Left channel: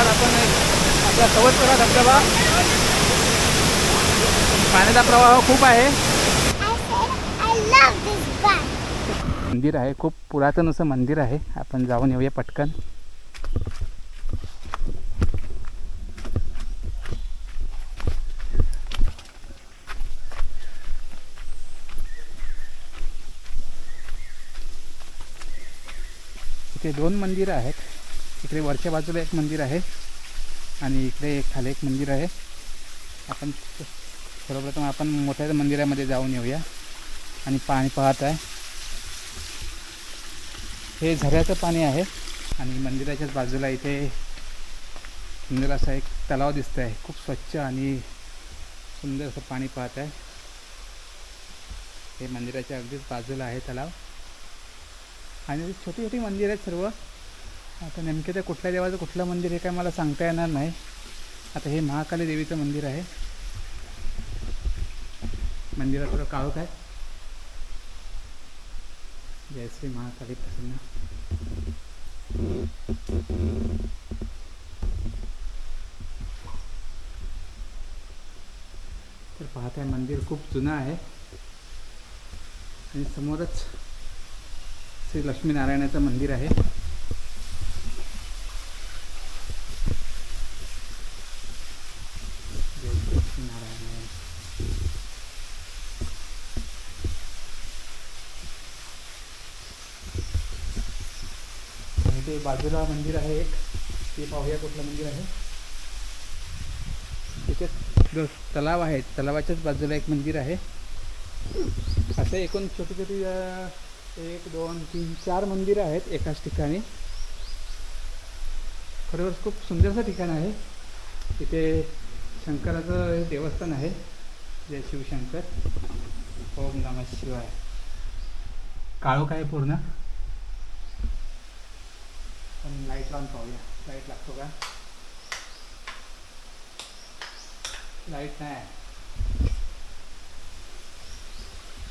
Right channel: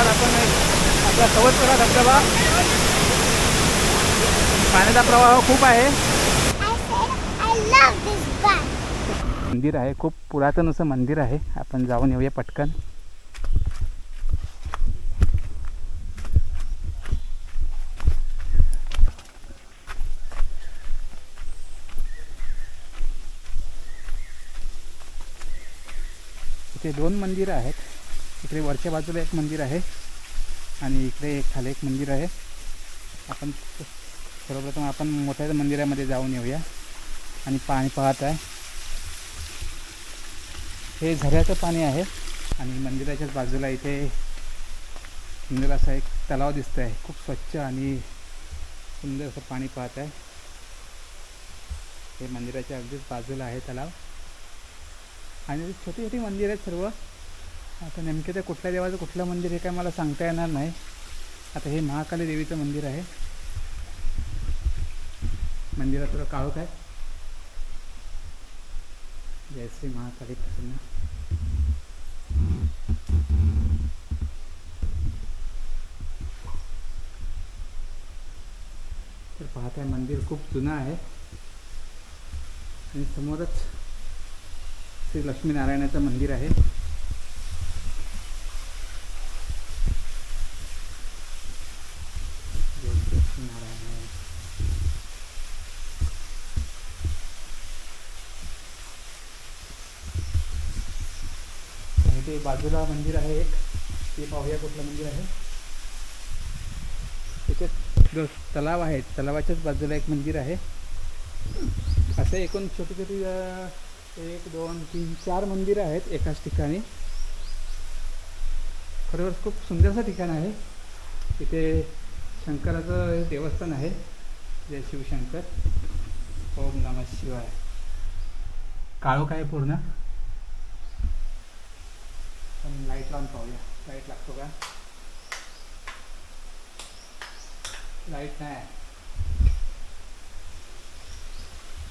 आता आपण एक आपला सवतपुरा धबधबा. पाण्याचा प्रवाह खूप आहे. मंदिर आहे खूप पुरातन असं मंदिर आहे. आपण जाऊन येऊया पटकन. इथे दोन मंदिरं आहेत. इकडे वरच्या बाजूला एक मंदिर आहे आणि इकडे एक खाली एक मंदिर आहे. आपण सर्वप्रथम आपण मोठ्या मंदिरामध्ये जाऊन येऊया आणि पाणी पाहत आहे. हे झऱ्याचं पाणी आहे आणि मंदिराच्याच बाजूला इथे सुंदर असा एक तलाव दिसत आहे खूप स्वच्छ आणि सुंदर असं पाणी पाहत आहे. हे मंदिराच्या अगदीच बाजूला आहे तलाव. आणि छोटी छोटी मंदिर आहेत सर्व. आता नेमके ते कुठल्या देवाचं कुठलं मंदिर हे काय मला सांगता येणार नाही. आता हे महाकाली देवीचं मंदिर आहे. मंदिरात काळ काळोख आहे. जय श्री महाकाली प्रसन्न. तर पाहताय मंदिर खूप जुनं आहे. आणि समोरच श्री लक्ष्मीनारायणाचं मंदिर आहे. जय आणि ते बाजूला मंदिर आहे एक. ते पाहूया कुठलं मंदिर आहे. त्याच्यात जो तलाव आहे तलावाच्याच बाजूला एक मंदिर आहे. असं एकूण छोटी छोटी एक दोन तीन चार मंदिरं आहेत एकाच ठिकाणी. खरोखर खूप सुंदरसं ठिकाण आहे. इथे शंकराचं हे देवस्थान आहे जय शिवशंकर ओम नम शिवाय. काळो आहे पूर्ण? पण लाइट लावून पाहूया. लाइट लागतो का? लाइट नाही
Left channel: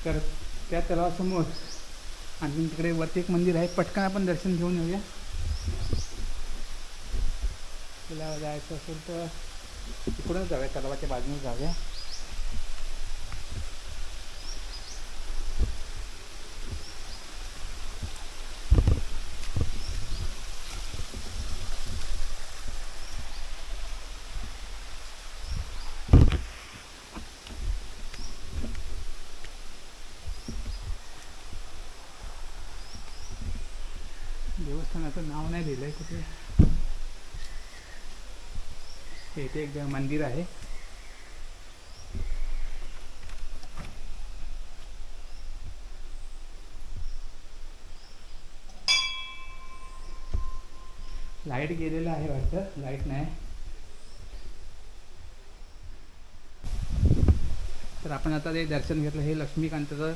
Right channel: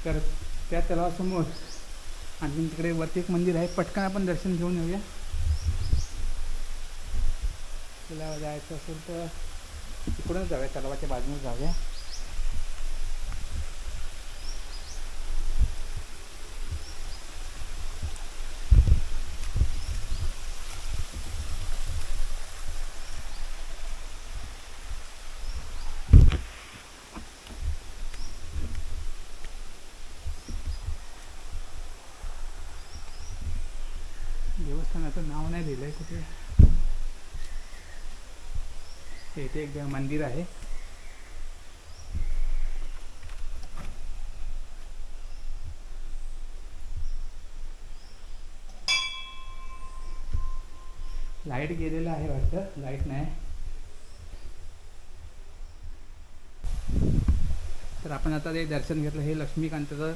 तर त्या तलावासमोर आणखी तिकडे वरती एक मंदिर आहे. पटकन आपण दर्शन घेऊन येऊया. तुला जायचं असेल तर इकडूनच जाऊया तलावाच्या बाजूने जाऊया. देवस्थानाचं नाव नाही लिहिलं आहे कुठे? हे इथे एक मंदिर आहे. लाइट गेलेलं आहे वाटतं. लाइट नाही. तर आपण आता ते दर्शन घेतलं. हे लक्ष्मीकांताचं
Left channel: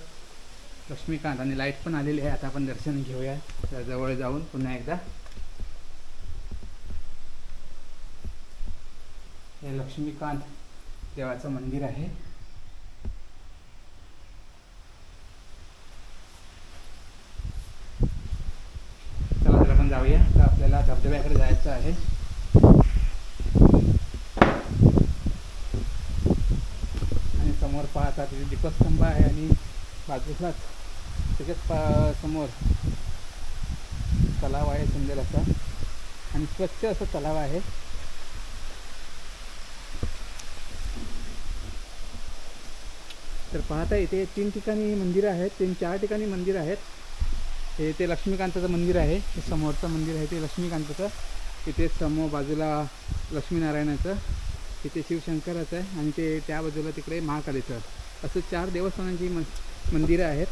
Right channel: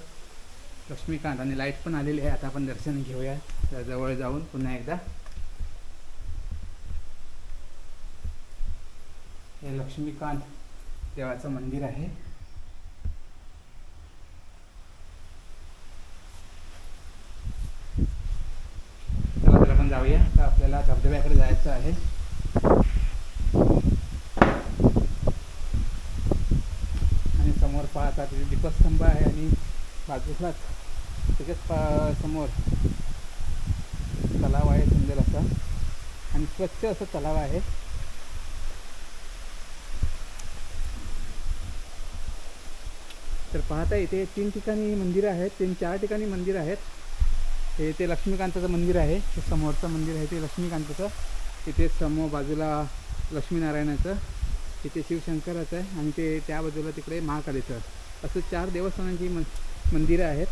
लक्ष्मीकांत आणि लाइट पण आलेली आहे. आता आपण दर्शन घेऊया. जवळ जाऊन पुन्हा एकदा. हे लक्ष्मीकांत देवाचं मंदिर आहे. चला तर आपण जाऊया. तर आपल्याला धबधब्याकडे जायचं आहे. आणि समोर पाहता तिथे दीपस्तंभ आहे आणि बाजूलाच त्याच्याच पा समोर तलाव आहे सुंदर असा. आणि स्वच्छ असं तलाव आहे. तर पाहता इथे तीन ठिकाणी मंदिरं आहेत तीन चार ठिकाणी मंदिरं आहेत. हे ते लक्ष्मीकांताचं मंदिर आहे हे समोरचं मंदिर आहे ते लक्ष्मीकांताचं. इथे समोर बाजूला लक्ष्मीनारायणाचं इथे शिवशंकराचं आहे आणि ते त्या बाजूला तिकडे महाकालीचं. असं चार देवस्थानांची म मंदिरं आहेत.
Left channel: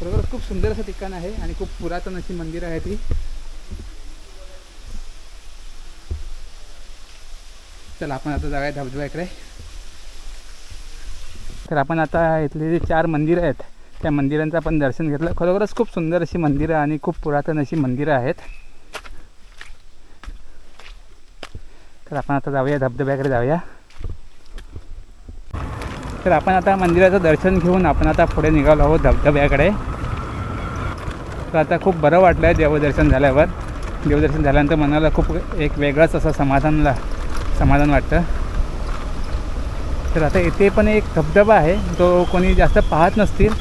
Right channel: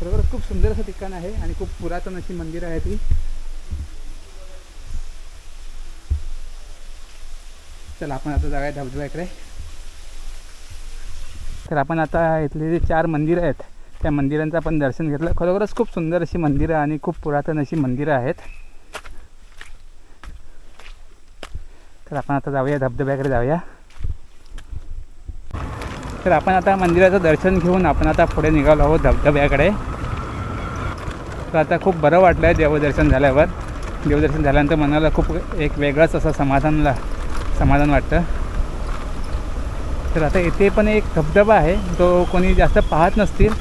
खरोखरच खूप सुंदर असं ठिकाण आहे आणि खूप पुरातन अशी मंदिरं आहेत ती चला आपण आता जाऊया धबधब्याकडे. तर आपण आता इथले जे चार मंदिरं आहेत त्या मंदिरांचं आपण दर्शन घेतलं. खरोखरच खूप सुंदर अशी मंदिरं आणि खूप पुरातन अशी मंदिरं आहेत. तर आपण आता जाऊया धबधब्याकडे जाऊया. तर आपण आता मंदिराचं दर्शन घेऊन आपण आता पुढे निघालो आहोत धबधब्याकडे तर आता खूप बरं वाटलं आहे देवदर्शन झाल्यावर. देवदर्शन झाल्यानंतर मनाला खूप एक वेगळंच असं समाधानला समाधान वाटतं. तर आता इथे पण एक धबधबा आहे. तो कोणी जास्त पाहत नसतील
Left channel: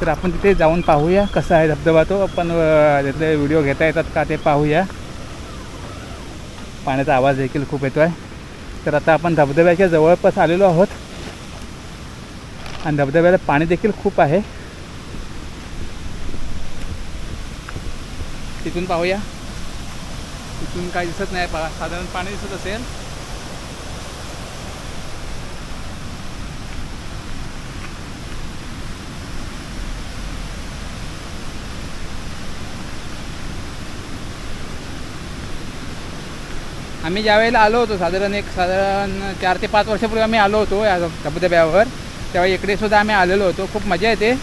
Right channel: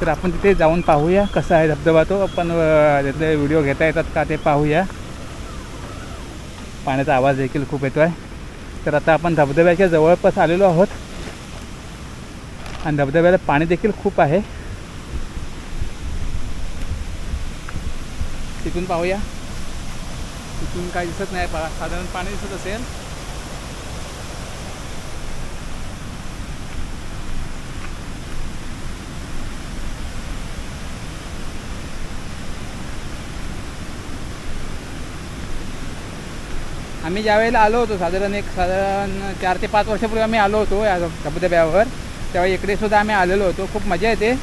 तर आपण तिथे जाऊन पाहूया कसा आहे धबधबा तो. आपण त्यातले व्हिडिओ घेता येतात का ते पाहूया. पाण्याचा आवाज देखील खूप येतो आहे तर आता आपण धबधब्याच्या जवळपास आलेलो आहोत. आणि धबधब्याला पाणी देखील खूप आहे. तिथून पाहूया. तिथून काय दिसत नाही पा साधारण पाणी दिसत असेल. आम्ही ज्यावेळेला आलो होतो साधारण एक साधारण चार ते पाच वर्षापूर्वी आम्ही आलो होतो या धबधब्यावर. तेव्हा इकडे सुद्धा आम्ही आलेलो होतो. खूप मजा येते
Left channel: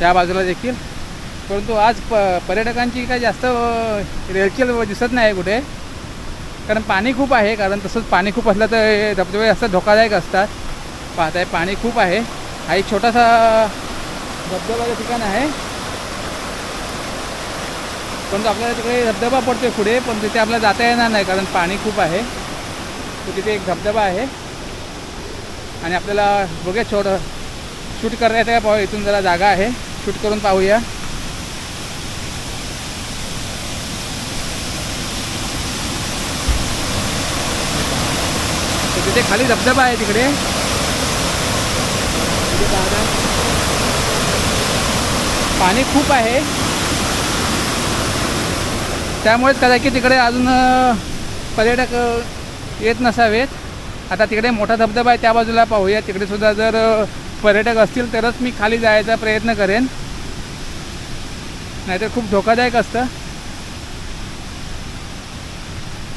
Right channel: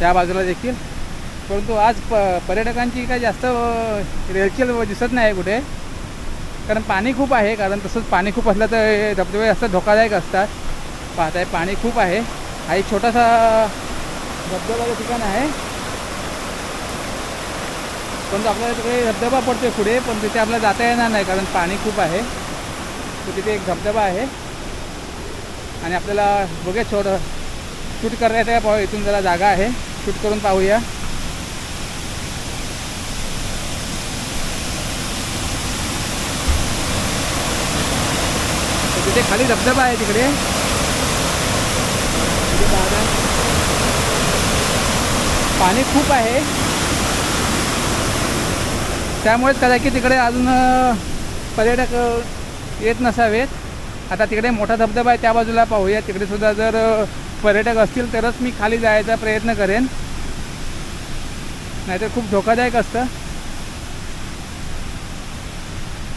त्या बाजूला देखील. परंतु आज प पर्यटकांची काय जास्त रेलचेल दिसत नाही कुठे. कारण पाणी खूप आहे कारण तसंच पाणी खूप असलं तर धबधबे जास्त धोकादायक असतात. पाहताय पाणी खूप आहे. हा एक छोटासा धबधब्याचं ठिकाण आहे. परंतु आपल्याला तिकडे धबधबा पडतोय पुढे पण तिथे आपल्याला जाता येणार नाही कारण पाणी खूप आहे. तर तिथे एक धबधबा आहे. आणि आपल्याला बघूया छोट शूट करायचं आहे पाहू इथून जरा जागा आहे. शूट करून पाहूया. तर तिथे खाली धबधबा आहे तिकडे. पाणी खूप आहे. त्यामुळेच कदाचित तिकडे अजून पर्यटक येत नसावेत. आता तिकडे मोठा धबधबा आहे त्या बाजूला पाहूया. तिकडेसुद्धा जर पर्यटक असतील तरच मी खाली जायचा प्रयत्न करेन. नाहीतर खूप धोकादायक असतं.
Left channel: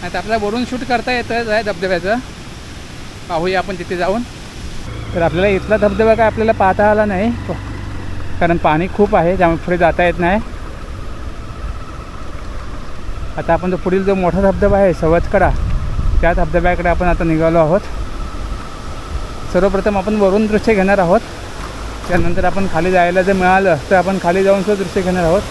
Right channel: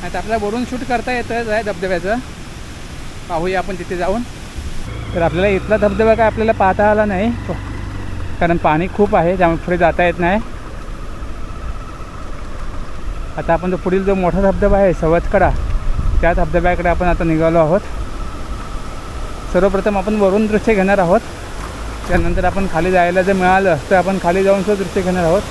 नाही तर आपल्याला वरून शूट करता येतंच आहे धबधब्याचं. पाहूया आपण तिथे जाऊन. तर आपल्याला इथला धबधबा काय आपल्याला पाहता आला नाही. कारण पाणी खूप आहे त्यामुळे पुढे जाता येत नाही. आता आपण जो पुढील जो मोठा धबधबा आहे सवतकडा त्या धबधब्याकडे आपण आता निघालो आहोत. सर्वप्रथम आपण वरून दृश्य घेणार आहोत. त्यानंतर आपण खाली जायला जर मिळालं तर आपण खाली जाऊन सुद्धा दृश्य घेणार आहोत.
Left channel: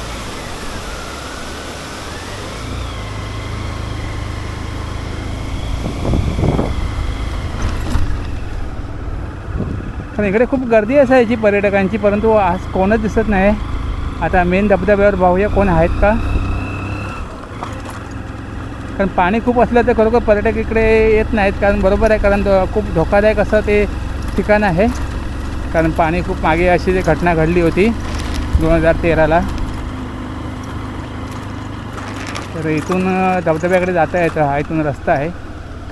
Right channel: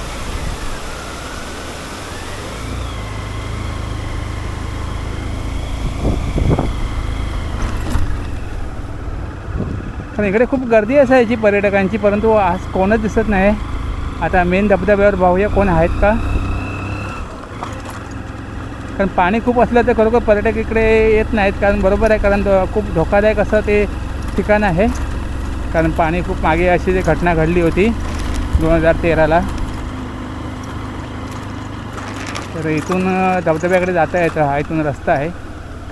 पण इकडे खूप गर्दी असायची पर्यटकांची परंतु आज कोणच दिसत नाही. आता मेन धबधब्यावर पाहूया कोण आहेत का. कारण पाणी खूप असलं तर खरोखर पर्यटक इकडे येत नाहीत कारण बरोबर आहे कारण खूप धोकादायक असं ते ठिकाण आहे. कारण पाणी खूप मागे अशी जी घटना घडली होती दोन हजार तेराला. तर इथून धबधब्याकडे जाता येतं हा इथून रस्ता आहे.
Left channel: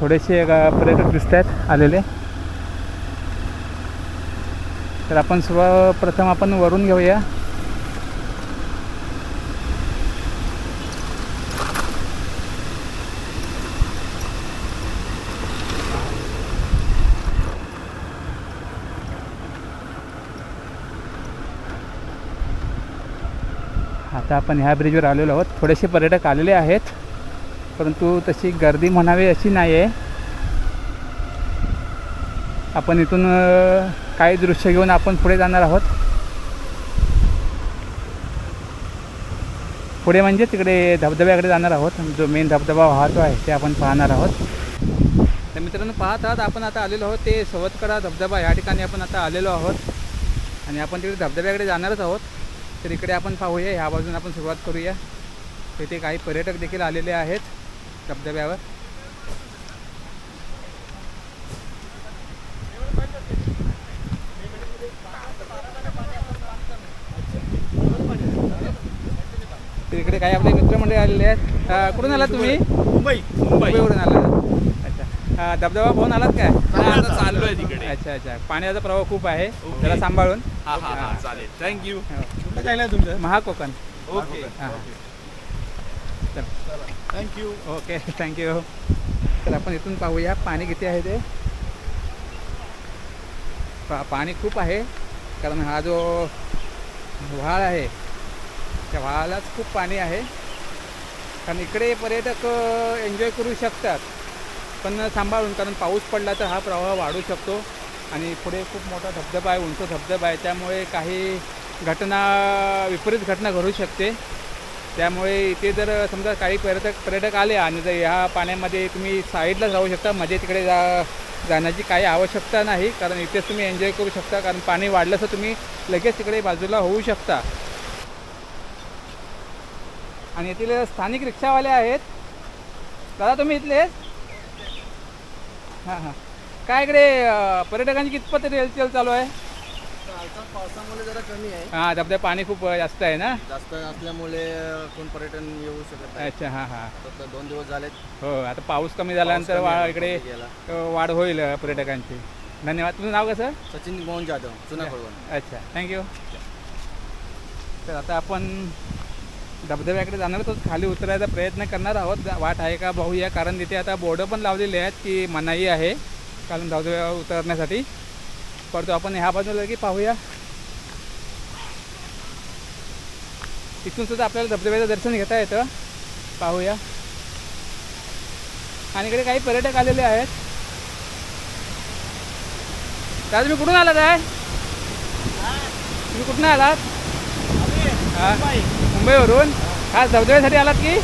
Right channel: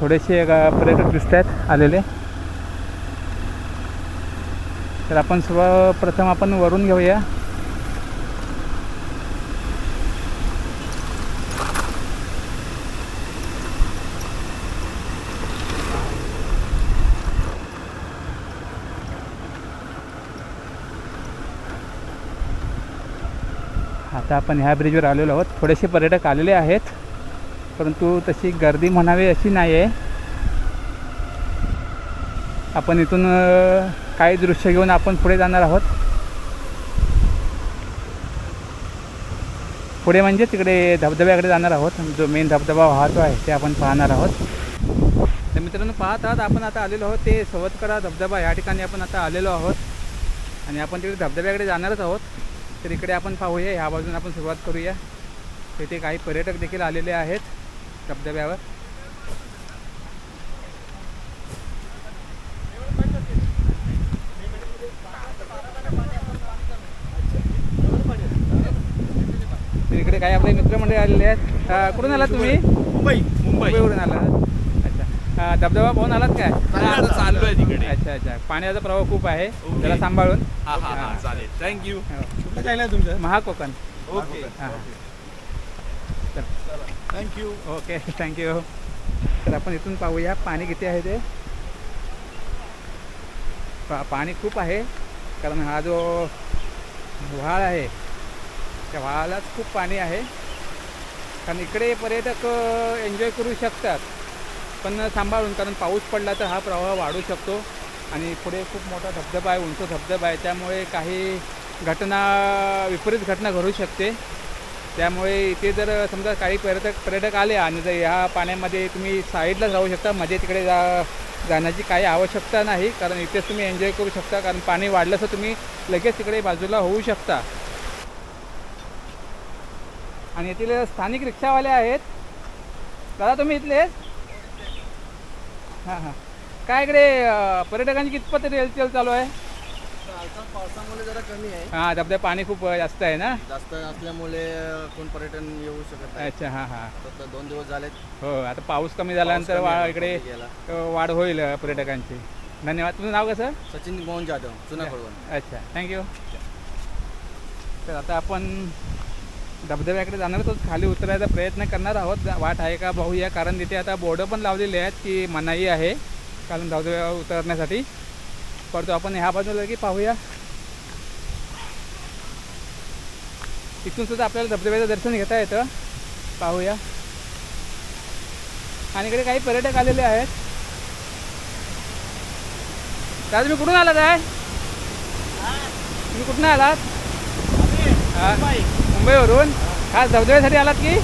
थोडेसे पर्यटक दिसत आहेत आलेले. तर आपण सर्वप्रथम आपण वरून घेऊया. आता आपण ह्या ब्रिजवर आलेलो आहोत. थोडेसे पर्यटक आलेले आहेत. परंतु तशी गर्दी म्हणावी अशी नाही आहे आपण इथून काही दृश्य घेऊन आपण पुढे जाणार आहोत. पुढे म्हणजे तिकडे धबधब्याकडे जाणार आहोत. जो मेन धबधबा वाहतो आहे ते आपण पाहणार आहोत. तर मित्रांनो पाहत आहात आपण आता आलेलो आहोत. ते सवतकडा धबधबा या ठिकाणी आपण आता आलेलो आहोत. आणि आपण तिकडे धबधब्याकडे जाणारच आहोत. तर इकडे आपण पाहूया ह्या बाजून आपण सुरुवात करूया. तिथे काही पर्यटक देखील आलेले आहेत धबधब्यावर. इकडे काही आपले मित्रमंडळी आलेले आहेत. कुठून आलात तुम्ही? मुंबई. मुंबई. मुंबईवरून अं, धबधबा पाहून आलात काय? आता चाललोय तिकडे. अच्छा अच्छा. पाण्याचा प्रवाह खूप आहे. जरा सांभाळून. हा हा हा चालेल. थँक्यू हो. काय तुमचं? महाकोकण. ओके हां चल. थँक्यू ओके थँक्यू तर आपण इथून पाहूया पाणी किती आहे ते? पा पाणी खूप आहे कारण हा जो व्हाळ आहे त्या व्हाळालाच खूप पाणी आहे. कारण इकडे पर्यटक एन्जॉय करू शकतात. पण सांभाळून कारण पाऊस पडला तर हा प्रवाह वाढू शकतो. आणि पुढे खूप मोठा धबधबा आहे उंच धबधबा आहे. त्यामुळे काही घटना विपरीत घटना घडू शकते. त्यामुळे इथे जर समजा काही पर्यटक पर्यटक आले आणि जर ह्या पाण्यामध्ये तुम्ही साईडलाच राहू शकता मध्ये तिकडे जा जाण्याची काही आवश्यकता नाही. कारण इथेच तुम्ही एन्जॉय करू शकता कारण पाणी वाढलं तर तुम्ही लगेच तिकडे बाजूला होऊ शकता. आणि येथील स्थानिक रिक्षावाले आहेत. दादा तुम्ही इथलेच हां हां. काय इकडे अं, पर्यटकांची कितपत रेलचेल चालू आहे? आता पावसामुळे जरा कमी आहे. हां धबधबा पाणी खूप जास्त आहे ना? जास्त असल्यामुळे अ, कोण पर्यटन येऊ शकत नाही. अच्छा हां हां. आता दोन दिवस झालेत. हो आता पाऊस कमी झाल्यानंतर वा इकडे कमी गेला. अं, वाढ होईल अं, पर्यटकांची. धन्यवाद. तुझं नाव कसं? सचिन मोहन जाधव जुना कळवण अच्छा. थँक्यू तर आता आपण धबधब्याकडे जाणार आहोत खाली उतरायचा प्रयत्न करणार आहोत. वाट आहे का पाहूया कारण तिथे आता बोर्ड पण लावलेले आहेत की मनाई आहे. कारण धबधब्यावर उतरण्यासाठी. परंतु आपण ह्या बाजूला की पाहूया. इथून सुद्धा आपल्याला धबधब्याचं दर्शन घेता येतं. पाहूया. आणि इकडे काही पर्यटक आलेले आहेत. दादा तुम्ही कुठून आलात आहे? तुम्ही कुठून आलात? हा? मुंबईवरून. खास धबधब्यासाठी आलात की?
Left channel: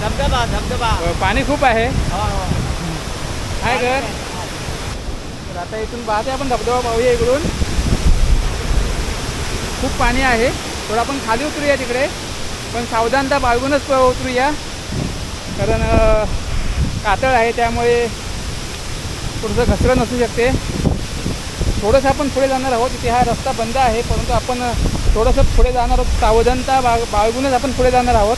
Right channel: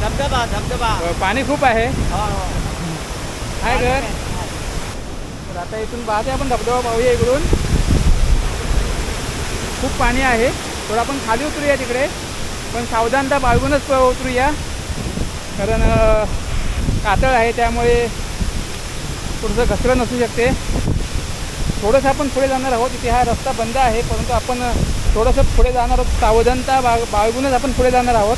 धबधबा धबधबा. अ, पाणी खूप आहे. आहे घर. तर आता इथून पाहते आपण धबधबा पाहूया इकडून. खूप पाणी आहे. थोडं आपण खाली उतरूया तिकडे. पण सावधानता बाळगूनच प- उतरूया. कारण अ, कातळ आहे त्यामुळे थोडंसं घसरण असू शकते. थोडंसं आपण पुढे जाणार आहोत. इथे हा रस्ता बंद आहे परंतु आपण अ, थोडंसं पुढे जाणार आहोत. सावधानता बाळ बाळगूनच आपण पुढे जाणार आहोत.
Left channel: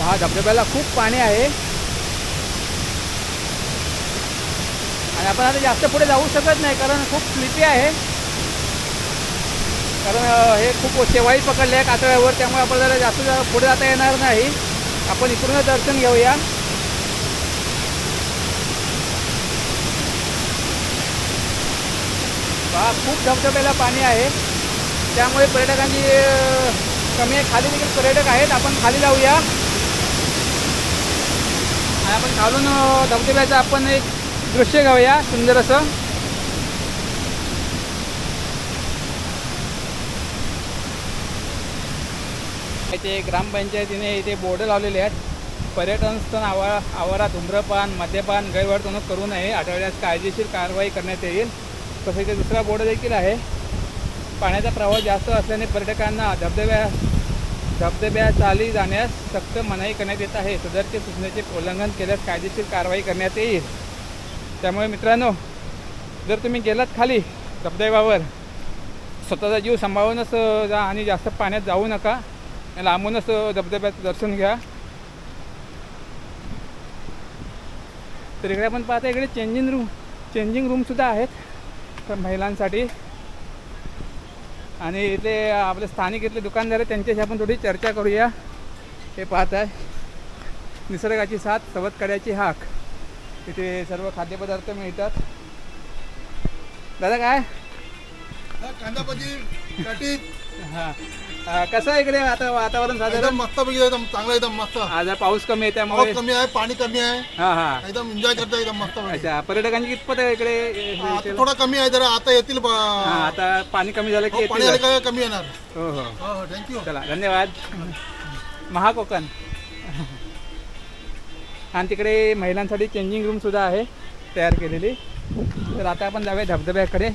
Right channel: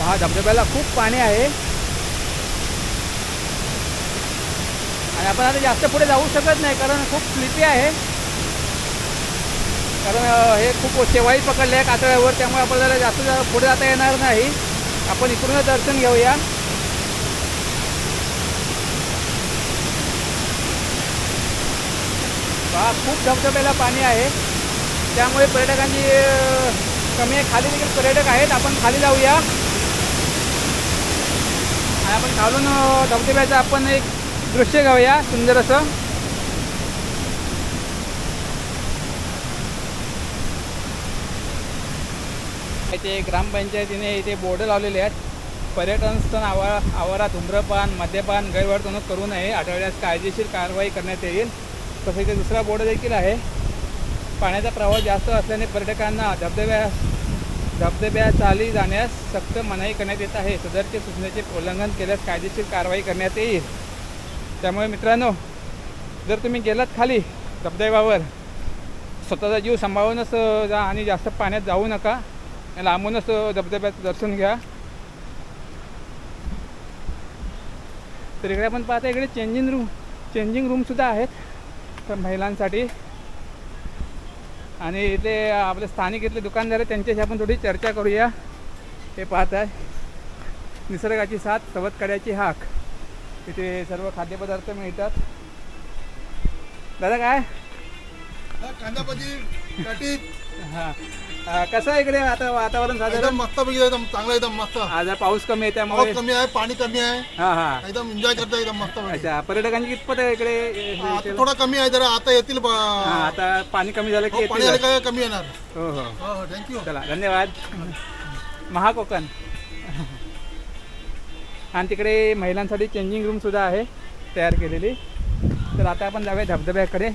हा धबधब्याला खूप पाणी आहे. आणि आपण आता जास्त पुढे जाऊ शकत नाही कारण खूप स्लिपी आहे. कारण हे खूप शेवाई पकडले आहे कातळ्यावर त्यामुळे आपल्याला जास्त जा- पुढे जाता येणार नाही. आपण इकडूनच दर्शन घेऊया. बा खूप धबधब्याला पाणी आहे. त्यामुळे पर्यटकांची कमी आहे. खाली देखील पर्यटक आहेत. आपण खाली जाऊया. आणि आपण खालून धबधब्याचं आपण एक दृश्य घेऊया. सुंदर असं. इथे ग्रामपंचायतीने इथे बोर्ड लावलेले आहेत. पर्यटन स्थळ आवा आवारात धूम्रपान मद्यपान गैरवर्तणूक करू नये. आठवड्यात कायदेशीर कारवाई करण्यात येईल. तसं इथे दुसरा बोर्ड देखील आहे. पाण्याचा प्रवाह जास्त असल्याने पर्यटकांना धबधब्या धबधब्या चाली जाण्यास सक्त मनाई करण्यात येत आहे. सदरच्या सूचनेचे उल्लंघन केल्यास कायदेशीर कारवाई करण्यात येईल. त्यामुळे मित्रांनो जर तुम्ही गेलात खाली धबधब्यावर स्वतःचा जीव सांभाळूनच जा आणि जास्त पाण्यात जाऊ नका. लांबूनच धबधब्याचं दर्शन घ्या. तर इकडे आपण पाहता इकडे चेंजिंग रूम चेंजिंग रूमसुद्धा आहेत तर महिलांसाठी. आणि इथले आपले स्थानिक इथले दुकानदार आहेत त्यांच्याशी आपण थोडी चर्चा करूया. हे पाहत आहे निसर्गाची साथ सवतकड्याची हाक. इथे सर्व खाद्यपदार्थ मिळतात. दादा काय? कांदा भजी हां. अं, कसं आहे इकडे? आता वातावरण एकदम साधारण मस्त पैकी एकदम चांगलं एकदम मस्त. आज पाऊस कमी आहे त्यामुळे पाऊस कमी आहे पाणी कमी आहे. हां हां. एकदम एन्जॉय करता एकदम मस्त पैकी. अच्छा पर्यटकांची कितपत आहे इकडे? हा, आता थोडा कमी आहे जरा आता येतील ब- हां आता पाणी कमी झालं की हो, पाणी येतील आलं का कमी येणार. हो हो. हो हो थँक्यू चला धन्यवाद. महाकोकण. आणि तिकडे महिलांसाठी चेंजिंग रूमसुद्धा आहे तयार केलेली. तर आता आपण जाऊया धबधब्याकडे.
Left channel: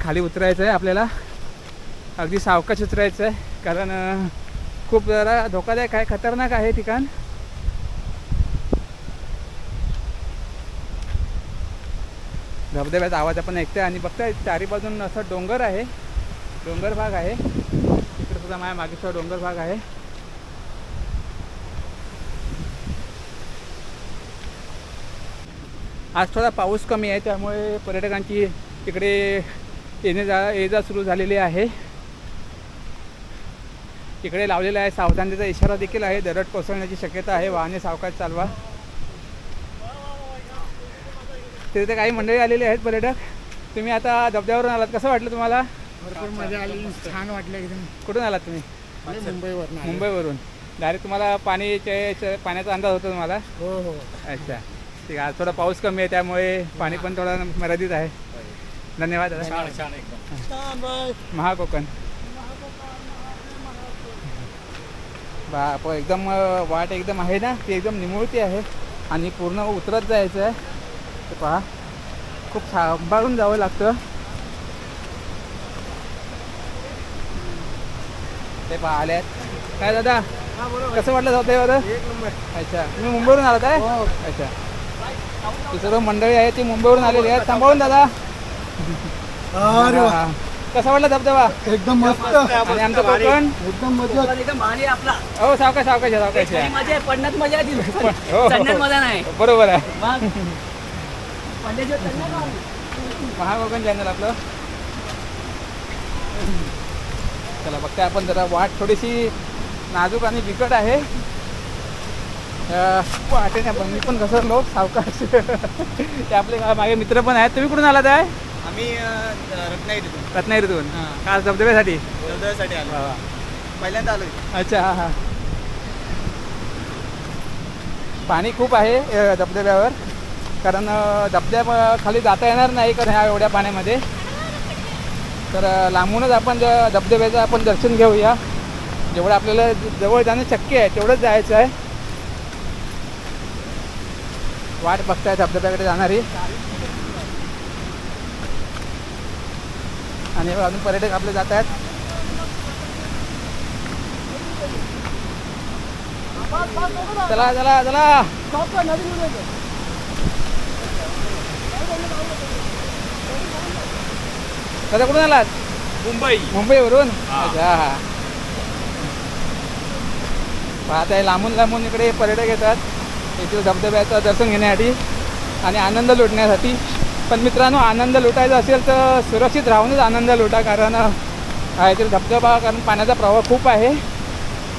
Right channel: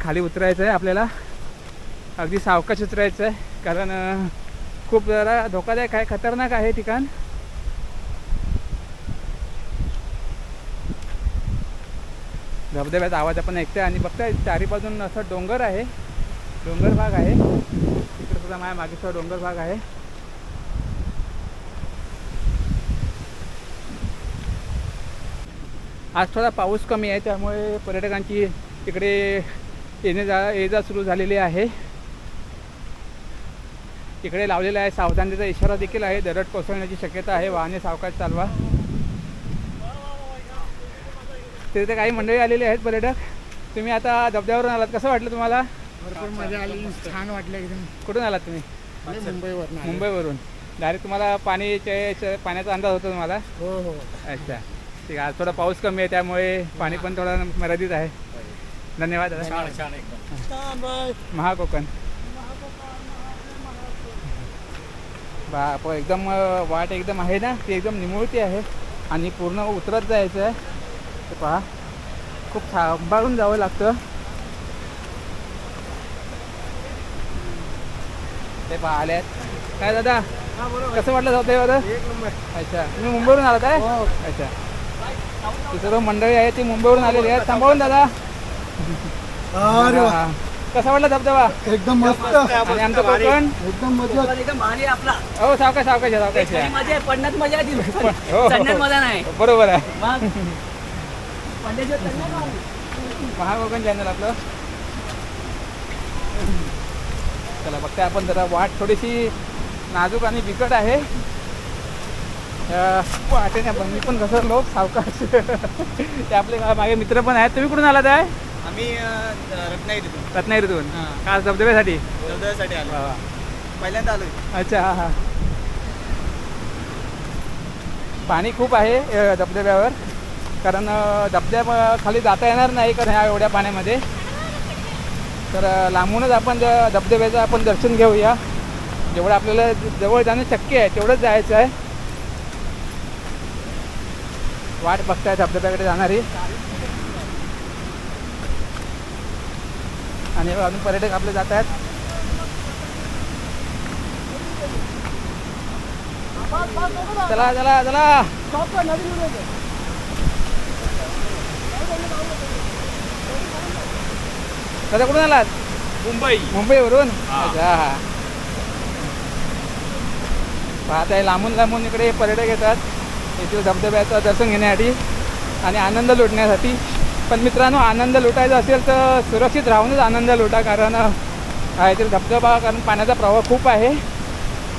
खाली उतरायचं आहे आपल्याला. अगदी सावकाश उतरायचं आहे कारण खूप जरा धोकादायक आहे खतरनाक आहे ठिकाण. धबधब्याचा आवाज आपण ऐकतोय आणि बघताय चारी बाजून असं डोंगर आहे. डोंगर भाग आहे. तिकडे सुद्धा माझ्या मागे डोंगर भाग आहे. आज थोडा पाऊस कमी आहे त्यामुळे पर्यटकांची इकडे येणे जा ये जा सुरू झालेली आहे. इकडे लावलेला आहे. सावधानतेचा इशारा देखील आहे. दरड कोसळण्याची शक्यता आहे. वाहने सावकाश चालवा. तिथे काही मंडळी आलेली आहेत पर्यटक. तुम्ही आता धबधब्यावरून आलात. कसं वाटलं तुम्हाला? भरपूर मजा आली. छान वाटलं एकदम. कुठून आलात तुम्ही? मुंबईवर मुंबईवरून डायरेक्ट तुम्हाला पाणीचे चे- पाण्याचा अंदाज होता तुम्हाला? हो हो. अच्छा. ठीक आहे. आज थोडा पाऊस कमी आहे त्यामुळे पाणी पण थोडं मर्यादित आहे. धन्यवाद. दादा महाकोकण. बाप एकदम वाट एकदम आहे ना ती एकदम निमुळती आहे. आणि पूर्ण उतरत जायचं आहे. ते पहा खूप सांभाळून जावं लागतं. ते पहा आल्यात. काय दादा? कसं वाटलं जातं दादा? अच्छा तुम्ही मुंबईवरून आलात आहे? अच्छा. ती सर्व मंडळी आहे ती मुंबईवरून आलेली आहेत. सांभाळून दादा. हा. कसा वाटला धबधबा? एकदम मस्त. आणि आमचं कोकण? एकदम मजा. एकदम भारी आपला. हो सावकाश सावकाश आहे, सावकाश आहे. मजा आहे पडण्यात मजा आहे हो, हो. चढण्यात मजा नाही. बरोबर आहे. मग? पडल्याशिवाय चढण्यात नाही. महाकोकण चॅनल आपलं. चला बघते आपण जरा वाट थोडीशी नाजूक आणि बिकट आहे. अं, वाटेने पण मी पण घसरलो सावकाश. ते आपले मागे मित्र पण आहेत. तुम्ही कुठून आलात आहे? आम्ही रत्नागिरीतून. रत्नागिरीतून? हां. खास धबधब्यासाठी? चौदासाठी आलो. वा, वा. पहिल्यांदा आलोय. अच्छा हां हां. पाणी खूप आहे अ, धबधब्यावर. कारण अ, धबधब्या खाली जाता येणार नाही कारण ह्या एवढ्या पाण्यामध्ये. तर अ, लांबूनच आपण ज- धबधब्याचं आपण दर्शन घेऊया. जेवढं आपल्याला जवळ जाणं शक्य आहे तेवढंच जायचं आहे. वाट बघताय धबधब्याकडे जाणारी. आणि अजून पर्यटक आपले जात आहेत. चला चला चला. दादा कुठून आलात? मुंबई. मुंबईवरून. अच्छा. हा पाहत आहे लांबून लांबून इकडे पर्यटक येतात. येथील धबधब्याचं दर्शन घेण्यासाठी आणि आनंद लुटण्यासाठी. पण मित्रांनो आनंद लुटायचा असेल तर सुरक्षित राहूनच आनंद लुटा कारण अ, धबधबा कारण पाण्याचा प्रवाह खूप आहे.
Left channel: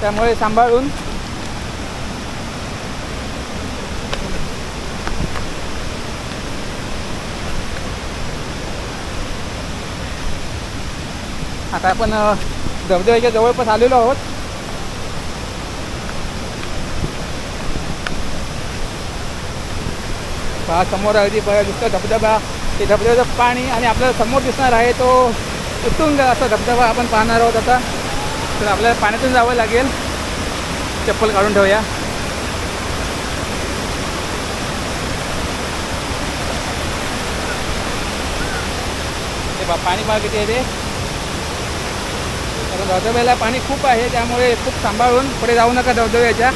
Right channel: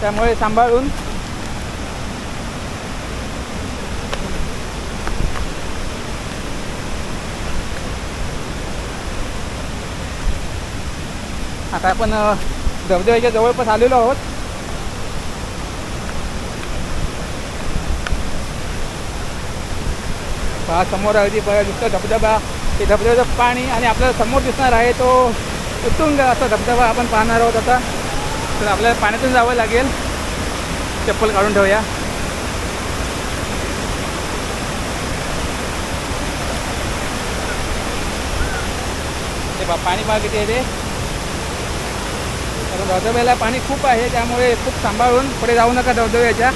त्यामुळे सांभाळून. आता आपण धबधब्याच्या जवळपास आलेलो आहोत. पहा समोर अगदी बघा दिसतं धबधबा. ते धबधब्याचं पाणी आणि आपल्याला समोर दिसणार आहे तो उत्तुंग असा धबधबा आपण पाहणार आहोत आता. तर आपल्याला पाण्यातून जावं लागेल. चप्पल काढून ठेवूया. ते बा पाणी पहा किती आहे ते. कारण धबधब्याला पाणी खूप आहे त्यामुळे खूप सांभाळून पुढे जाऊ नका धबधब्याच्या.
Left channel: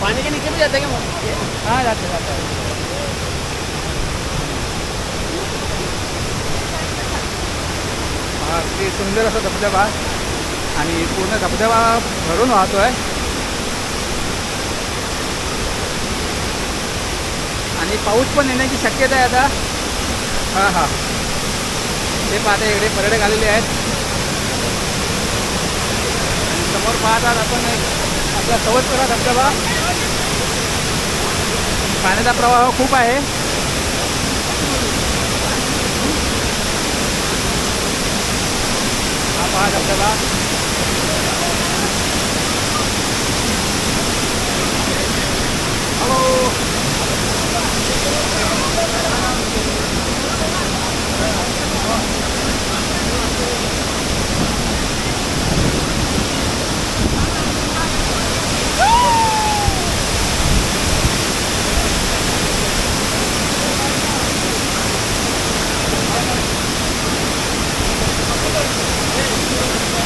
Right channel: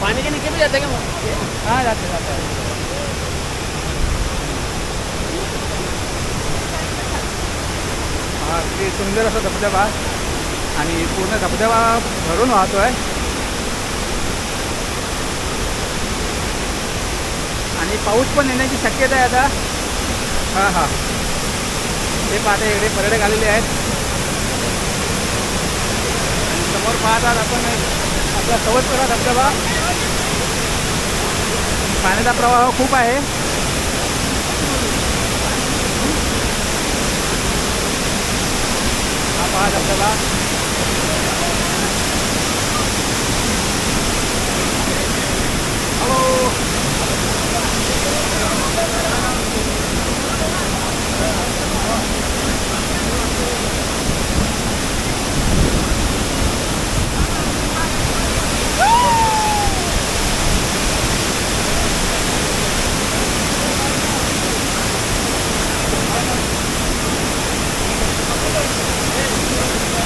पानी के नीचे भी जाते क्या हां जातं जातं. हा ते सुंदर असा धबधबा आणि पूर्ण धबधबा भरून वाहतो आहे आणि पाऊस पण येण्याची शक्यता आहे आता. हां हां. ते पाहता इकडे पर्यटक आलेले आहेत. पाहत आहात आपण एक आपला सवतपुरा धबधबा. पाण्याचा प्रवाह खूप आहे. हा पहा धबधबा.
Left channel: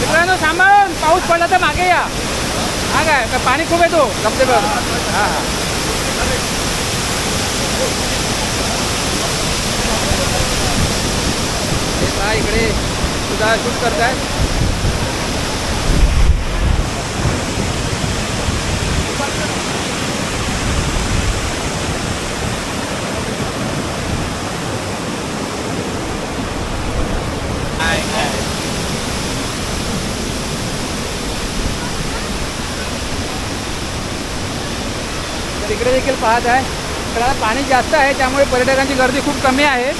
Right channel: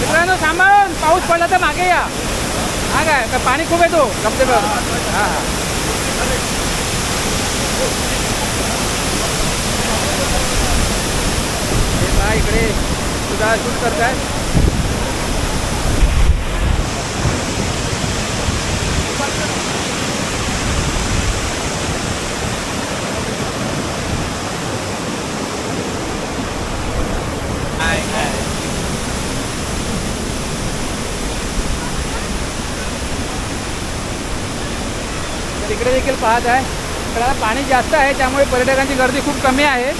मित्रांनो सांभाळून पाऊस पडला तर मागे या. हा काय का पाणी खूप येतो धबधब्यावर हां हां. हे पहा इकडे सुद्धा शूट करताय तर इकडे देखील पाहत आहे. तर आता पाणी जास्त आहे त्यामुळे पर्यटकांची गर्दी खूप कमी आहे.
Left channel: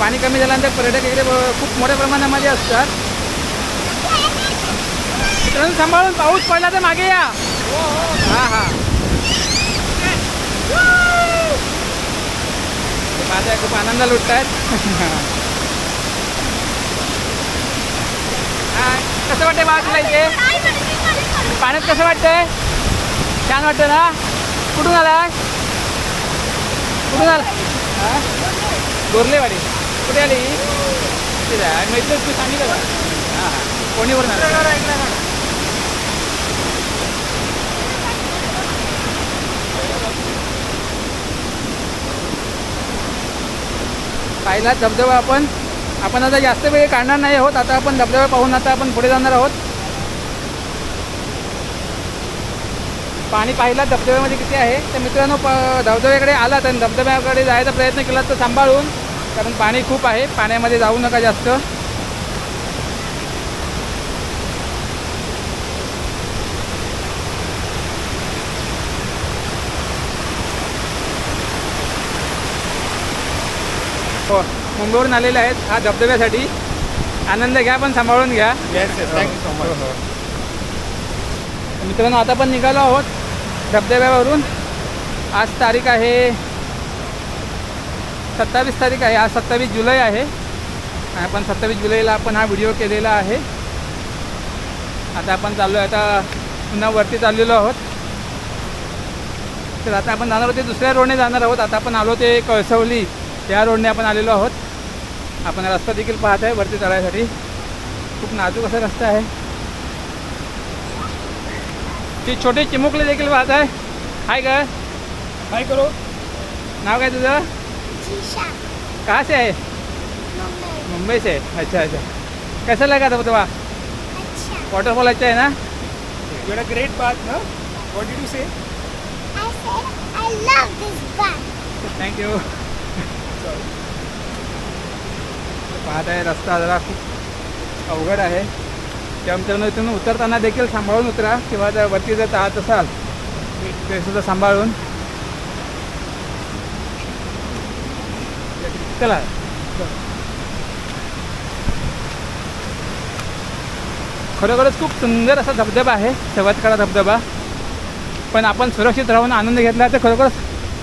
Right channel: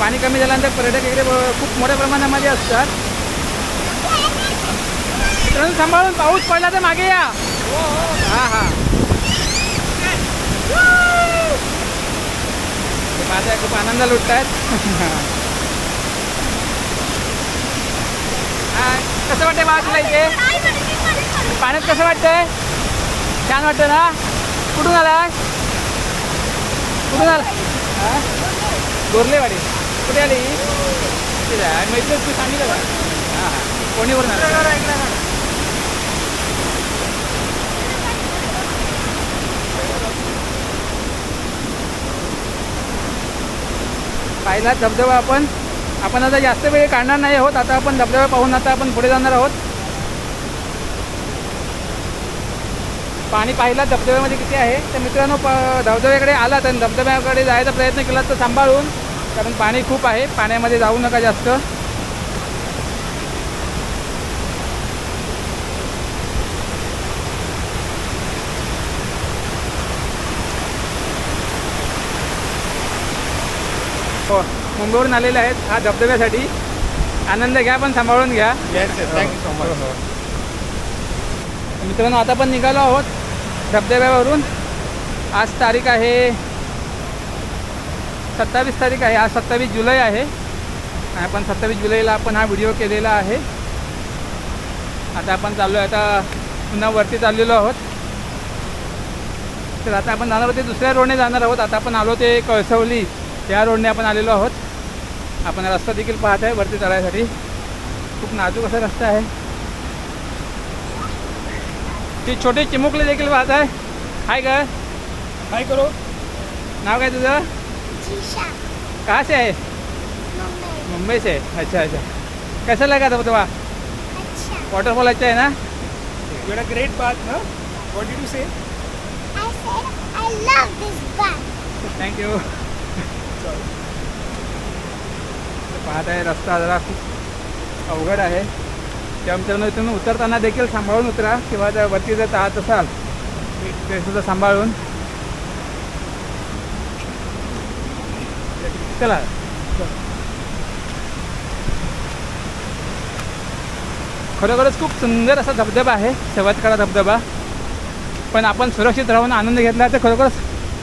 पाणी कमी झाल्यानंतर पर्यटक इकडे खूप मोठ्या प्रमाणामध्ये असतात. मित्रांनो सांभाळून पाऊस पडला तर मागे या. हा हा. माझा खूप आनंद लुटत आहेत कसं वाटतंय बा तुला इथे? पाण्यात कसं वाटतंय? छान वाटतं ना? कुठून आलाय कुठून आला? गोरलेवाडी. कुठे आली. मैत्रीण तू सांगितलं का? हां हां. कोणीवरून आला? पाहिला धबधबा आपण. आपण आता जास्त वेळ काढणार नाही आहोत. आता आपण धबधबा पाहून आता आपण पुढे जाणार आहोत. पाणी पाहिला धबधब्यामध्ये किती आहे? तर मित्रांनो प धबधब्याकडे आला तर धबधब्याकडे जायचा प्रयत्न केला तर सांभाळून कारण पाणी खूप आहे. पाण्यामध्ये जाऊ नका जास्त. हो मुंबईवरून आलेले आहेत हा धबधब्यासाठी. आनंद घ्या पण सांभाळून घ्या. Yes yes thank you so much मित्रांनो आता पण निघालो आहोत धबधब्यावरून. आज तारीख आहे सत्तावीस तारीख आहे. आज सत्तावीस जुलै आहे. आपण सत्तावीस जुलैला आपण हा व्हिडिओ केलेला आहे. आता आपण चाललो आहे आता पुन्हा वरती चाललेलो आहोत. तर आता आपण जाणार होते दुसऱ्या रोडने जाणार आहोत. आता आपण आलो ते कळसवली या रोडने आपण आलेलो आहोत. आपण रस्ता देखील पाहत आहे वरती चढायसाठी. खूप नाजूक असा रस्ता आहे. ती छोटे चिमुकले देखील पाहत आहे. हाय ग काय करू. नाव काय तुझं? जीशा. कहाँ से आहे? मुंबई. मुंबई से अच्छा अच्छा. कैसा लगा था तुम्हाला अच्छा. वॉटरफॉल अच्छा है ना? अ ग्रेट बात ना what did you say I said I love this band. Thank you पाहत आहे रस्ता जरा खूप अवघड आहे. त्या मित्रांनो तुम्ही उतरताना देखील सांभाळून उतरा किंवा जर वरती जर जात असाल ते सुद्धा सांभाळून. चला. खरोखरच खूप सुंदर असा धबधबा आहे शेवटकडा धबधबा. पण आपण सुरक्षित राहून आनंद घेतला तर खरोखरच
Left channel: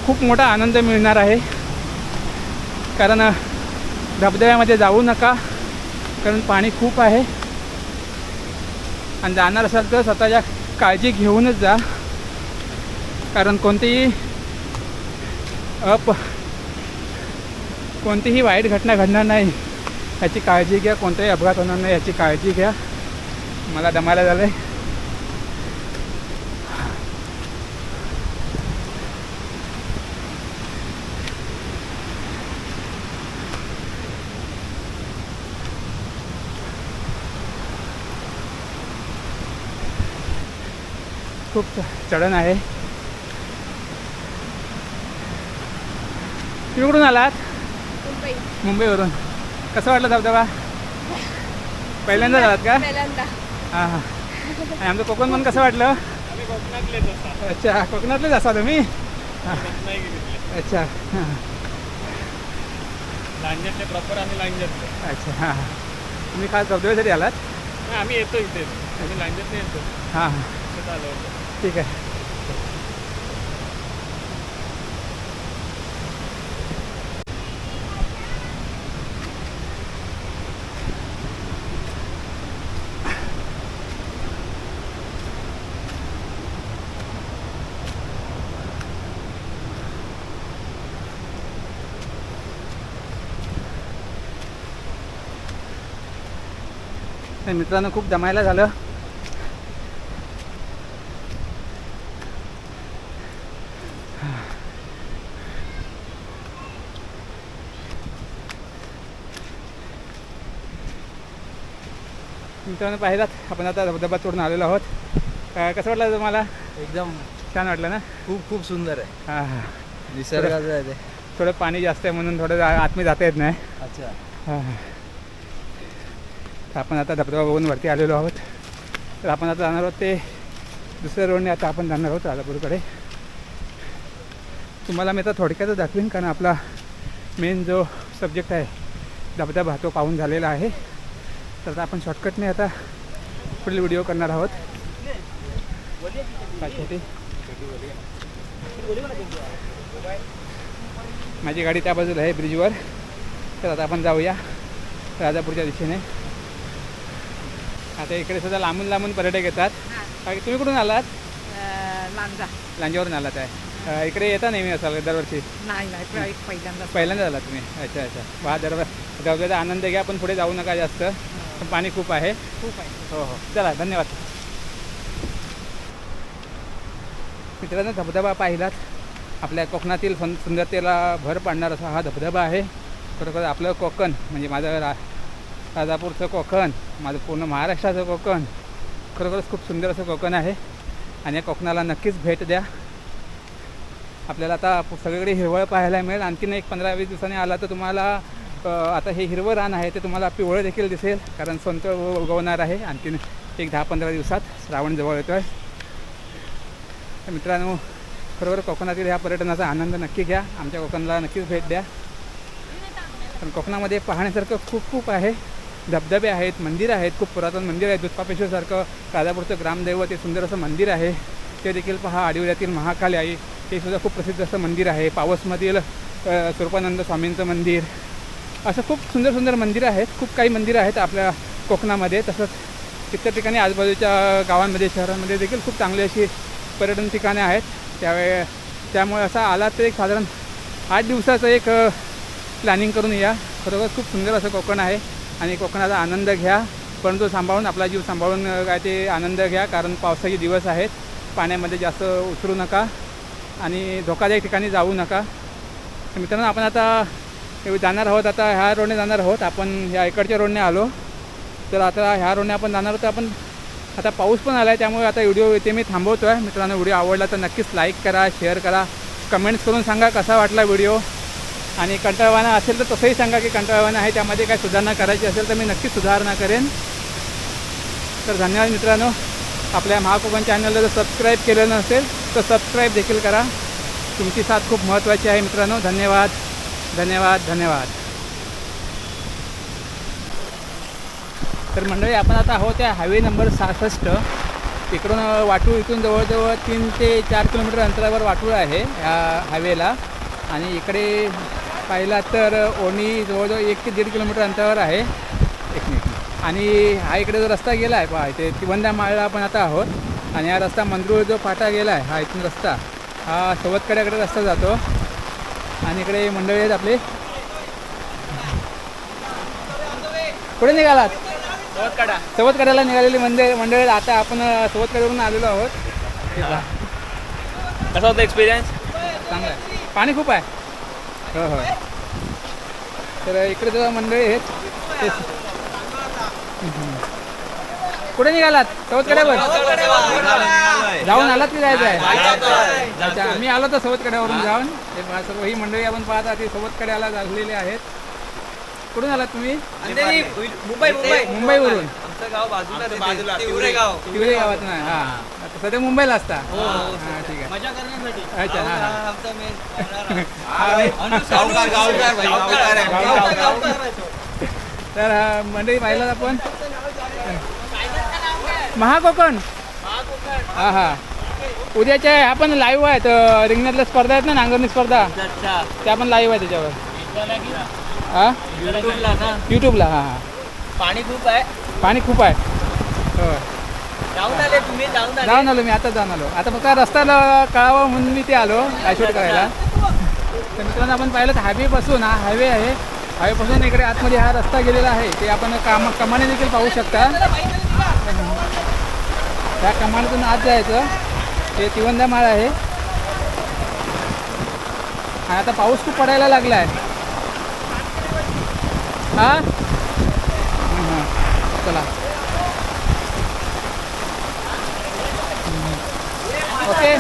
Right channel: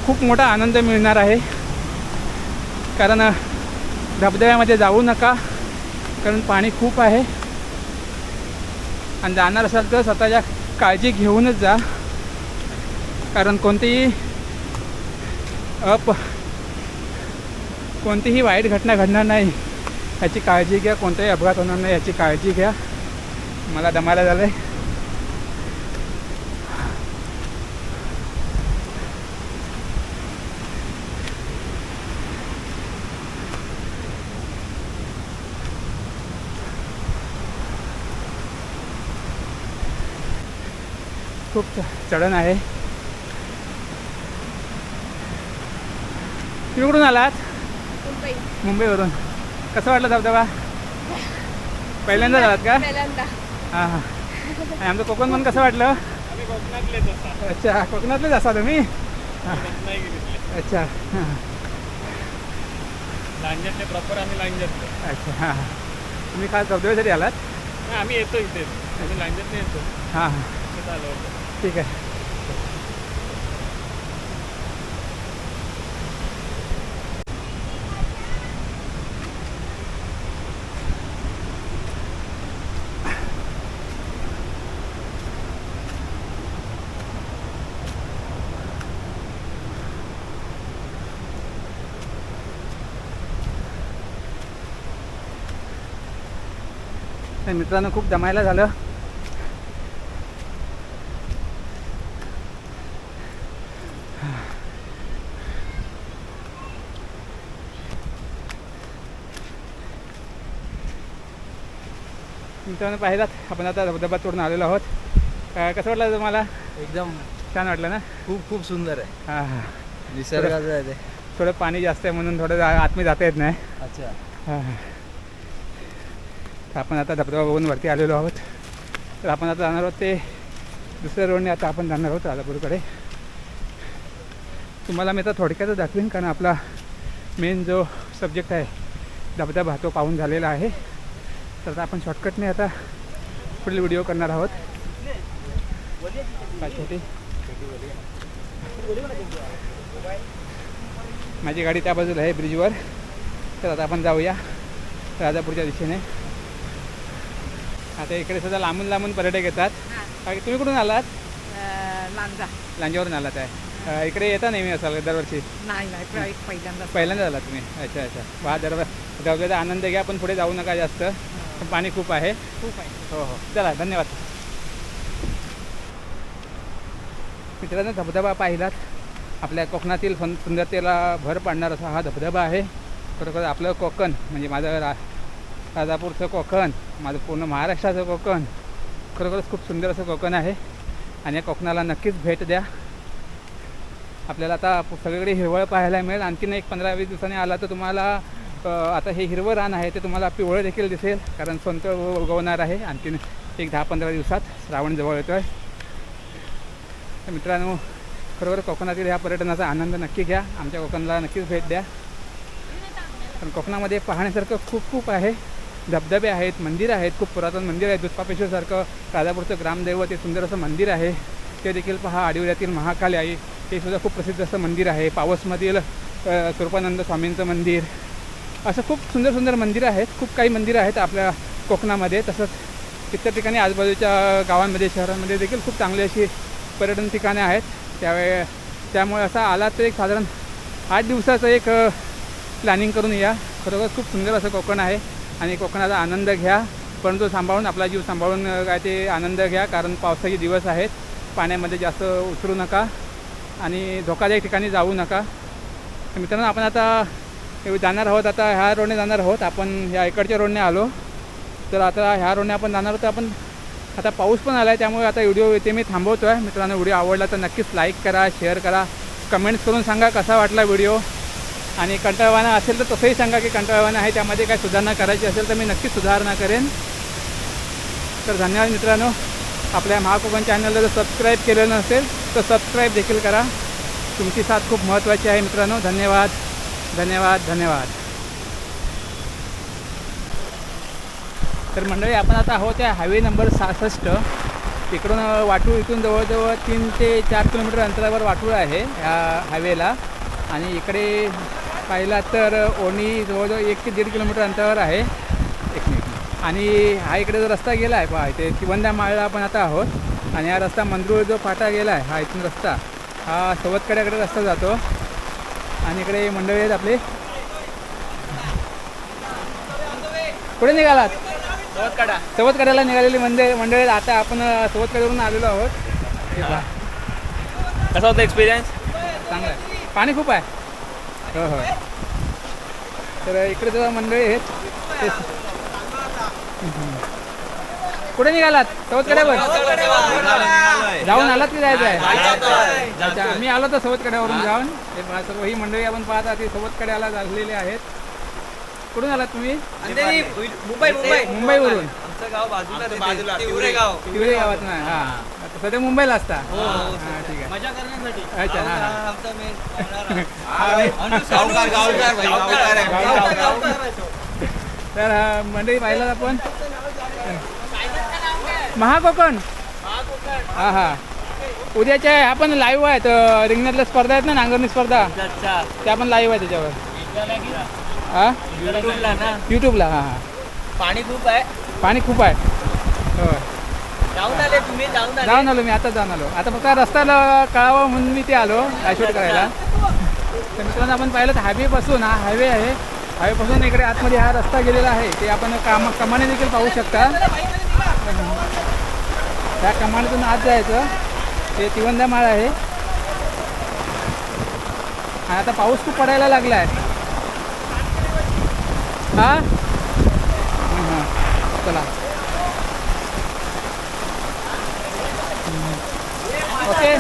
खूप मोठा आनंद मिळणार आहे. कारण धबधब्यामध्ये जाऊ नका कारण पाणी खूप आहे. आणि जाणार असाल तर स्वतःच्या काळजी घेऊनच जा. कारण कोणतीही अप कोणतीही वाईट घटना घडणार नाही. याची काळजी घ्या. कोणताही अपघात होणार नाही. याची काळजी घ्या. मला दमायला झालं आहे खूप च- चढण आहे. तुम्ही कुठून आलात मुंबईवरून. कसं वाटलं धबधबा? पहिल्यांदा झालात का? पहिल्यांदा. हां हां. आणि आमचं कोकण पण कसं वाटलं? आम्ही कोकणातलेच असा अच्छा कोकणातलेच असा तुम्ही? अच्छा हां. लांजातले प्रॉपर आम्ही लांजातले अच्छा हां हां. तुम्ही खास धबधब्यासाठी आलात? नाही आम्ही येतो इथे. आम्ही लांजातले येतो. हां हां. आलो होतो. ठीक आहे. मित्रांनो खूप दमायला झालं. मित्रांनो पाहिलात आपण आता धबधबा तोडून आलेलो आहोत. काय कसं वाटलं तुम्हाला? एकदम छान वाटलं ना? खूप खूप सुंदर आहे. हां हां. निसर्गाचं आहे ते. थोडं पाणी जास्त आहे म्हणून थोडं जा- आतमध्ये जाता येत नाही. अच्छा. हां हां. तर आपण आता धबधबा बघून वरती आलेलो आहोत. तर आपण आता जाणार आहोत ते दुसऱ्या रोडने आता आपण जाणार आहोत राधापूरकडे तुम्हाला मी आता थोडक्यातच दाखवीन कारण आपला मेन जो सब्जेक्ट आहे धबधबा तो पाहून झालेला आहे. तर आता आपण शॉर्टकटने आता पुढील व्हिडिओ करणार आहोत. माझी गाडी त्या बाजूला आहे ब्रिजवर तर आता आपण जाऊया राजापूरच्या दिशेने. आता इकडे सुद्धा लांबून लांबून पर्यटक येतात. बाकी तुम्ही कुठून आलात? लांजा. लांजावरून आलात आहे. इकडे येता नेहमी असाल दरवर्षी? नाही नाही पहिल्यांदा पहिल्यांदा आलात तुम्ही. अच्छा अच्छा. वा दर दरवाजा आनंद घ्या पण पुढे जाऊ नका जास्त. पण खूप आहे. खूप आहे. हो हो. चला धन्यवाद. मित्रांनो धबधबा पाहिलात. आपल्या कोकणातील सुं सुंदरतेला भर पाडणार असा हा धबधबा आहे. खरोखर आपलं कोकण म्हणजे माझं रा राजापूरचं कोकण माझं पूर्ण महाराष्ट्राचं कोकण खरोखरच खूप सुंदर असं कोकण आहे. आणि या कोकणाला नक्कीच भेट द्या. आपल्याला आता सगळीकडे हिरवळ पाहायला मिळेल. आणखीन एक पंधरा वीस दिवसांनी आला तर तुम्हाला आता हे हिरवं रान आहे ते तुम्हाला पिवळं देखील दिसेल कारण सोनतळ उगवणार आहे. आणखीन एक दहा पंधरा दिवसात श्रावण जवळ येतो आहे मित्रांनो खरोखर कोकणातील ह्या पर्यटनाचा आनंद नक्की घ्या. आमच्या कोकणाला नक्कीच भेट द्या. पण कोकणामध्ये पाहण्यासारखं खूप खूप आहे. धबधबे आहेत मंदिर आहेत खूप पुरातन मंदिर आहे दुधपापेश्वरसारखं राजापूरचं ग्रामदैवत हे सुंदर असं मंदिर आहे. ते देखील पहा आडिवऱ्यातील महाकाली आई. हे सुद्धा खूप प्रसिद्ध असं मंदिर आहे. पावसमधील स्वरूपानंद स्वामींचं मंदिर. असं खूप सुंदर सुंदर मंदिरं आहेत खूप काही मंदिरं आहेत आपल्या कोकणामध्ये. तसंच इतर ठिकाणी आजूबाजूच्या गावांमध्ये शहरांमध्ये देखील खूप चांगली अशी पर्यटन ठिकाणे आहेत. त्यावेळे त्यामुळे असा आला तर एक साधारण आठ दिवसाचं एक प्लॅनिंग करून या. खरोखर खूप सुंदर असं कोकण आहे आणि कोकणाचा आनंद घ्या. परंतु सांभाळून आपला जीव सांभाळून काय ते आनंद घ्या. कारण पावसाचे दिवस आहेत. पाण्यामध्ये जास्त उतरू नका आणि धोकादायक ठिकाणी जाऊ नका. मित्रांनो आपण आता जाणार आहोत. आता ह्या रोडने जाणार आहोत. आपण ह्या इकडच्या रोडने आलो. तर आता ह्या रोडने आपण जाणार आहोत. आपण आता पाऊस पण आला आहे त्यामुळे आता व्हिडिओ इथे मी थांबवतो आहे मित्रांनो व्हिडिओ आवडला तर नक्कीच लाईक करा शेअर करा. कमेंट्स करून सांगा कसा वाटला व्हिडिओ. आणि कंटाळवाना असेल तर तसंही सांगा की कंटाळवाना आहे. त्यामध्ये काय सुधारणा करायची असेल तर मी नक्कीच सुधारणा करेन. तर धन्यवाद मित्रांनो. आपल्या महाकोकण चॅनलला जर सबस्क्राईब केलं नसेल तर सबस्क्राईब देखील करा. तुमची साथ खूप महत्त्वाची आहे मित्रांनो. धन्यवाद. धन्यवाद धन्यवाद. तर मंडळी आपण आता आहोत त्या हायवे नंबर सहासष्ट. इकडून वाटूळ इथून जवळजवळ तीन ते चार किलोमीटर अंतरावर वाटूळ आहे ह्या हायवेला आणि इकडे पाहिला तर ओणी जवळजवळ एक ते दीड किलोमीटर अंतरावर आहे. एक मिनिट. आणि हा इकडे जो रस्ता गेला आहे पहा इथे तिवंदा माळला आपण आता आहोत. आणि हा रस्ता मंदरूळ जो फाटा गेला आहे हा इथून रस्ता. हा सवतकड्याकडे रस्ता जातो. आणि इकडे मंडळी आहेत आपले. कुठे निघालात? सवतकड्याला निघालेली मंदिर मंडळी आता आपण सवतकड्यावरून आलेलो आहोत. कसा होता एक्सपिरियन्स चांगलं आहे. पाणी खूप आहे. हो हो. तर इकडे जेव्हा मंडळी आहेत. कुठे निघालात? सवतकड्यावर जाऊन आलात की जायचं आहे? अच्छा मी आलो तर सवतकड्यावरून जाऊन. हे पहा सर्व ही मंडळी आपण पाहता ती सवतकड्याला झालेली आहेत. कुठून आलात तुम्ही? मुंबई मुंबई. मुंबईवरून. आमचं गाव बाजूला बाजूला तिवरे गाव. गावात नाही हां. आता सध्या मुंबईला असता. हां ठीक आहे. मजा करण्यासाठी. अच्छा हां हां. आमचा मेन गावकार गावकार भाई गावकार आहे गावकार. आहे तो. तर अ, मंडळी पाहिलं आपण? महाकोकण हा हा उद्याच्या आपण लाईव्ह आहेत रिंगणातल्या स्पर्धा आहेत ना नांगरणी स्पर्धा? त्या पण लाईव्ह आहे त्याच्यावर. हा? यूट्यूबला हां हां. पाणी खूप आहे. पाणी खूप आहे. हो. जाऊन आले तुम्ही जाऊन आले. जाऊन आलो मी आता जाऊन आलो. आता फक्त रस्त्याला कळावं म्हणून मी ते आलो शूट करायला. तर मित्रांनो आपण पाहिलं तर हायवेपासून हा हायवे आहे. हायवेपासून इकडे आतमध्ये हा रस्ता गेलेला आहे. ते आपण काम कमाने देखील पाहू शकता. त्या कमानीतून आत जायचं. ते तिवंदा माळ आहे. आणि आता पाऊस खूप पडायला लागला आहे हा हां चला. ओके.